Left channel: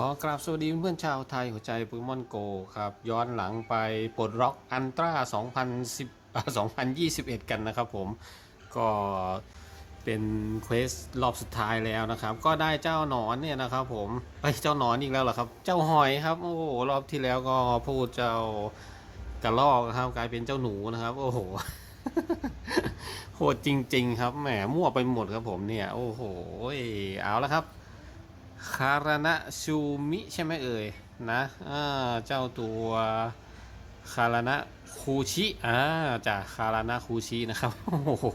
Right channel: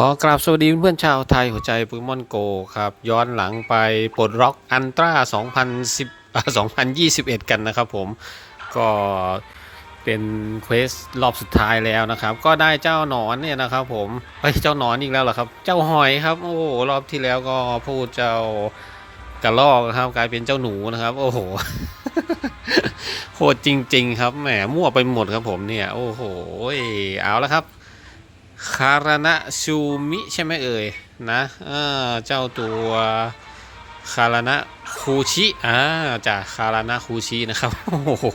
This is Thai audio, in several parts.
ขอกราบสวัสดีเพื่อนชาวไทยหัวใจโปเกมอนโกครับ ย้อนหลังไปปลดล็อกอันตรา2010 2021 กันนะครับผม ก็เป็นเควสรอบสุดท้ายแล้วนะครับ ก็ได้เจ้าหนอนเนี่ยนะครับผมเฮ้เจ้าหนอนอีกแล้วเหรอครับ เจ้าหอยครับ โอ้โหรอบที่แล้วก็พูดเจ้ากระลอกนะครับกลายเป็นเจ้าหนูนะครับ โอ้โหโหดจริง ๆ ครับแหมมั่วไปหมดครับผมเนี่ย โอ้โหเอาแล้วครับ คารณะชูมิใช่ไหมเอ่ยนะเจ้าตัวคารณะคูชิอ่าจากคารณะคูชินะครับโอ้โห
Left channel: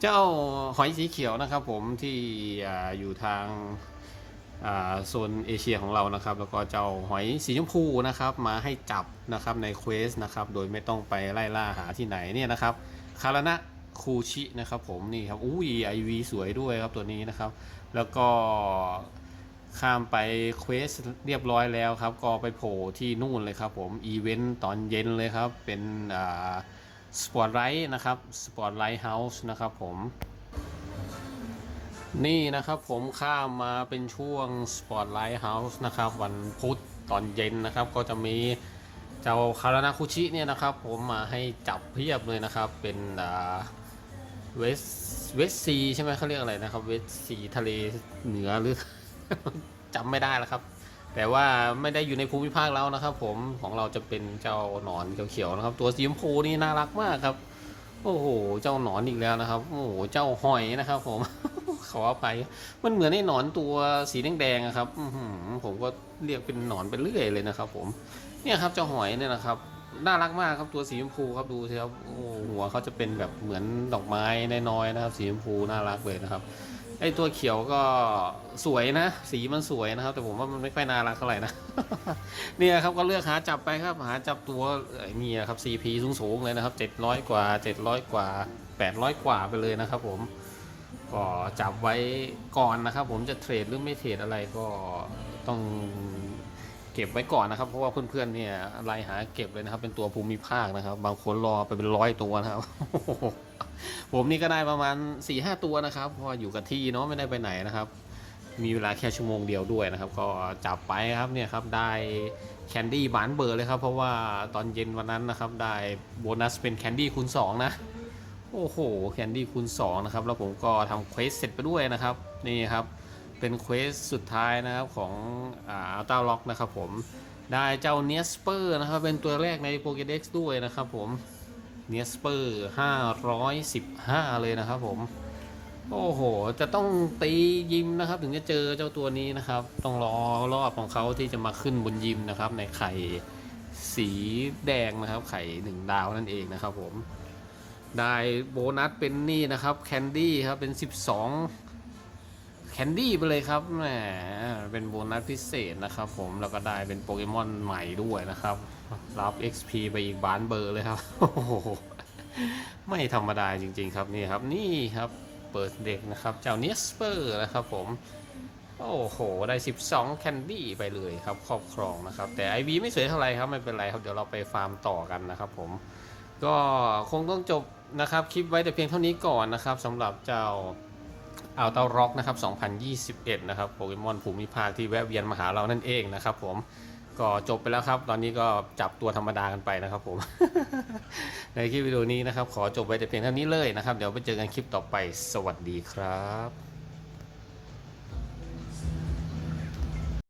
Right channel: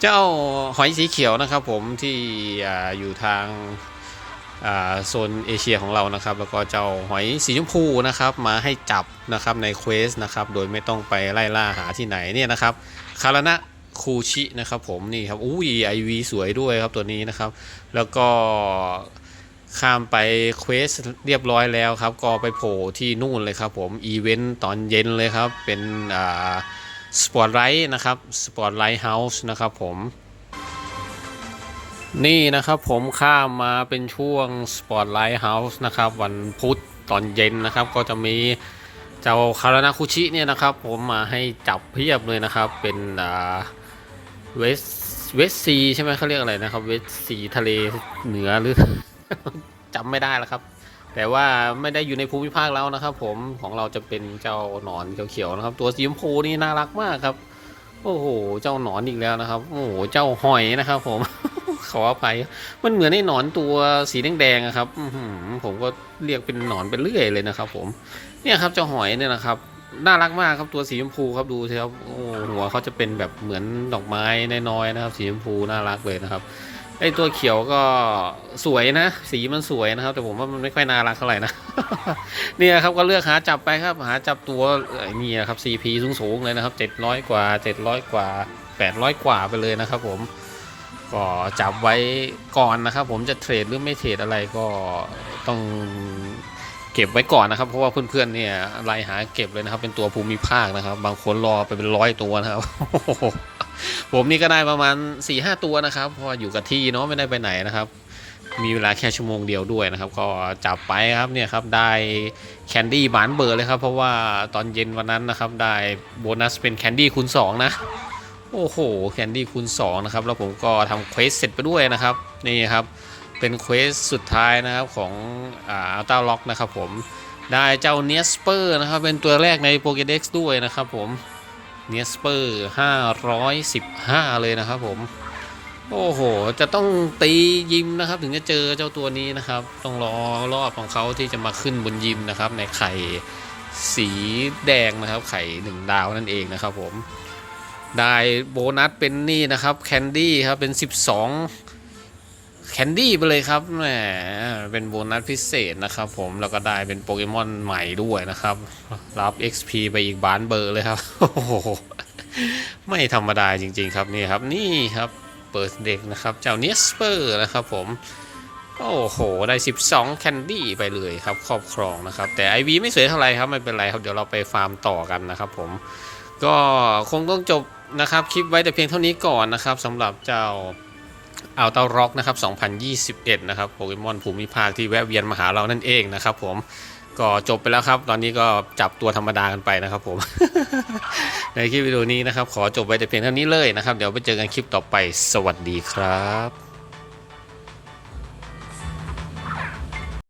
เจ้าหอยสีเขียวนะครับผมที่อยู่ทางโซนเอเชียของเรานะครับ แล้วก็เจ้าหอยสีชมพูนะครับมาให้จับนะครับในเควสนะครับโดยไม่ต้องไปไล่ล่าหาที่ไหนเนี่ยนะครับคารณะ คูชินะครับผมนี่ครับอุ้ยไอวีสวยด้วยครับตัวนี้นะครับ แล้วก็ข้ามไปเควสเรียบร้อยแล้วครับ ก็ไปโผล่ที่นู่นเลยครับผมอีเวนต์ตอนเย็นเลยครับ เป็นอ่าสปอร์ตไลท์นะครับสปอร์ตไลท์เฮาส์นะครับผม นี่นะครับผมข้ามมาเป็นช่วง Spotlight House นะครับ วันพุธตอนเย็นนะครับ ก็จะมีเจ้าคารณาคุชิเนี่ยนะครับ ผมมาให้จับเพียบเลยนะครับ เป็นอ่า เวสเวสซีใช่ไหมเขาเรียกอะไรนะครับเวสซีทะเลเหนือหรือจำไม่ได้แล้วครับ แต่ว่าไม่ได้อยู่ในภูมิภาคแล้วนะครับ ผมของเราจะเป็นเจ้าหนอนเขียวๆนะครับ ตัวสีชมพูนี่น่ารักมากครับ โอ้โหเจ้าหนอนอีกแล้วนะครับ โอ้โหเจ้าหอยนะครับ ผมขออภัยมันเหมือนไอ้หนอนตัวสีแดงๆครับผมก็เรียกเป็นหนอนไปเรื่อยเลยนะครับ ผม เนี่ยครับเจ้าหอยเนี่ยนะครับ น่ารักมากครับตัวสีชมพูครับดูสิครับโอ้หัวเขาจะเป็นแบบเหมือนดอกไม้น้อยๆนะครับ สีชมพูน่ารักเลยนะครับไอตัวเขียวก็สวยนะ สีมันสวยนะครับ แต่ผมว่ามันไม่ค่อยน่ารักเท่าไหร่นะเนี่ยครับก็เลือกหาจับไปครับ หาจับตัวเนี่นะครับ CP สูงๆเลยนะครับ700 กว่า 700 กว่า 800 กว่าไปเลยนะครับ ผมก็จับไว้ก่อนนะครับ ผมจะเทรดหรือไม่เทรดอะไรก็ต้อง เก็บไว้ก่อนนะครับ เพราะว่าเพื่อนๆเนี่ยไล่หาเก็บเลยนะครับ เป็นตัวภูมิภาคนะครับ บางคนรอไปเป็นร้อยตัวนะครับ ผมนี่ก็ได้ประมาณ4ีหตัวนะครับเพราะอยู่กับที่เนาะไม่ได้ไปไหนนะครับ มีเวลาแค่ชั่วโมงเดียวด้วยนะครับ ก็จับไปครับเนี่ยครับได้แคนดี้บานเบอร์เลยครับ เพราะว่าตอนเย็นวันนั้นนะครับ ได้โบนัสเป็นแคนดี้คูณ2นะโอ้โหแคนดี้คูณ2นะครับแล้วผมก็ทำเควสเสร็จไปด้วยนะครับนี่ครับ เป็นเควสสุดท้ายนะครับของอัลต้าล็อกนะครับผมได้เจ้าเนสเปอร์นะครับ เป็นตัวแรกในโปเกเด็กซ์ด้วยนะครับผมเนสเปอร์515 เลยนะครับผม โอ้โห จะต้องตียิมนะครับ ถึงจะเจอเจ้าตัวนี้นะครับ ต้องรอรอบของเขาที่จะมาขึ้นบนยิมนะครับ ในไข่สีแดงนะครับ ไข่หนึ่งดาวนั่นเองนะครับผม ได้โบนัสเป็นนี่นะครับแคนดี้ครับเป็น 12 แคนดี้ไปเลยครับแหมเป็นโบนัสพิเศษนะครับผมแล้วก็ได้เป็นโปเกมอนใหม่ด้วยนะครับ รับ XP ไปอีกบานเบอร์เลยครับโอ้โหไม่ธรรมดาจริง ๆ ครับนี่ครับนี่ครับเปิดเด็กนะครับเจ้าเนสเปอร์นะครับผมโอ้โห ได้ 12 แคนดี้ไปเลยครับ ครอบครองนะครับ แต่ IV ไม่สวยเท่าไหร่ครับ ไม่เป็นไรครับ เดี๋ยวเราไปฟาร์มต่อกันนะครับผม ก็คงต้องจบนะครับ คลิปไว้แต่เพียงเท่านี้ก่อนนะครับสำหรับเจ้า อัลตาร็อกนะครับ 2021 นะครับ โปเกมอนภูมิภาคที่แวะเวียนมาหาเรานั่นเองนะครับผม ก็จบไปแล้วครับ ตอนนี้ก็จับตัวธรรมดากันไปนะครับผม ในคลิปวิดีโอนี้นะครับ ขอจบไปแต่เพียงเท่านี้เลยนะครับ เดี๋ยวไปเจอกันคลิปต่อไป สวัสดีครับ